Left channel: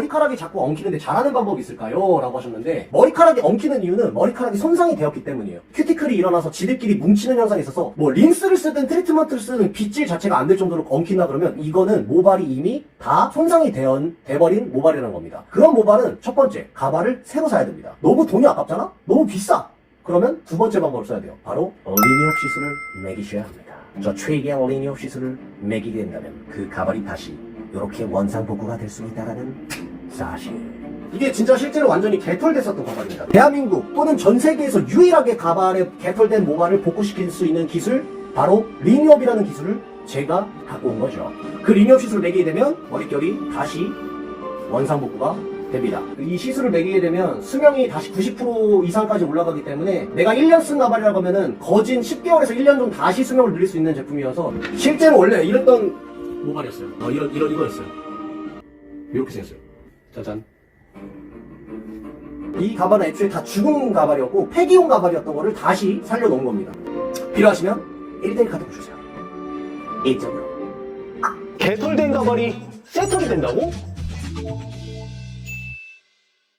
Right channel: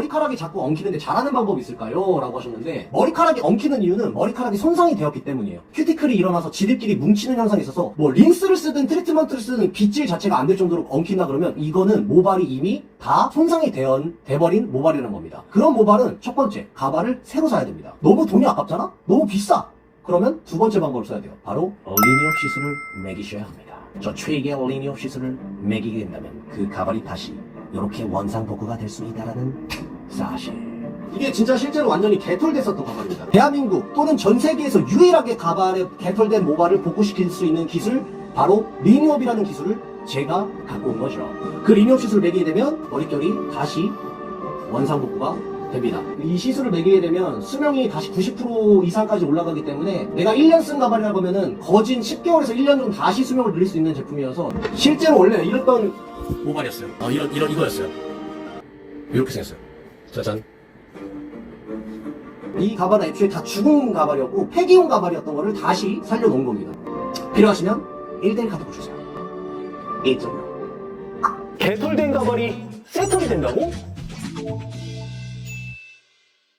머리카락이 자꾸 엉키는데 잘하는 방법이 있을까요? 라고 하셨는데 머리카락이 엉키는 이유는 머리카락이 손상이 되었기 때문이에요. 큐티클이 일어나서 지들끼리 뭉치는 현상이 있어서 뭐 린스를 쓰든 트리트먼트를 쓰든 빗질 자체가 안 될 정도로 엉킨다 그러면 이거는 모발이 이미 다 손상이 되어, 돼버린 모발이라는 겁니다. 그런 모발은 첫 번째 가발을 새로 사야 됩니다. 너무 돈이 아깝잖아? 너무 비싸. 그러면 두 번째 방법을 써야 돼요. 바로 리니업 시술을 매기셔야 합니다. 저 최기의 리니업 시술을 매기게 된다면 그 가발이 다시 이렇게 원상복구가 될 수 있다는 사실. 이게 진짜 실제로 완전히 개털됐었던 가발입니다. 대한민국 또는 전 세계에서 유일하게 가발에 개털된 모발을 복구시킬 수 있는 기술 바로 리니업이라는 기술을 제가 갖고 온 거죠. 그 리니업 시술을 매기게 되면 머릿결이 다시 원상복구가 됩니다. 이 시술을 매기게 되면 수명이 다시 90% 이상까지 올라가기 때문에 내가 1년 쓴 가발이라고 하면은 거진 10개월에서 1년 정도 다시 수명을 늘릴 수 있는 제품이어서 실제로 원래 이랬던 모발이었어요. 어, 이런, 이런, 이거였어요. 이렇게 생겼어요. 짜잔. 이 가발은 애초에 다 죽은 가발이었고 폐기용 가발이었던 거를 다시 살려놓은 겁니다. 필요하시면 1대1 카톡 주세요. 1등으로. 개털된 가발이 세트로 된다고?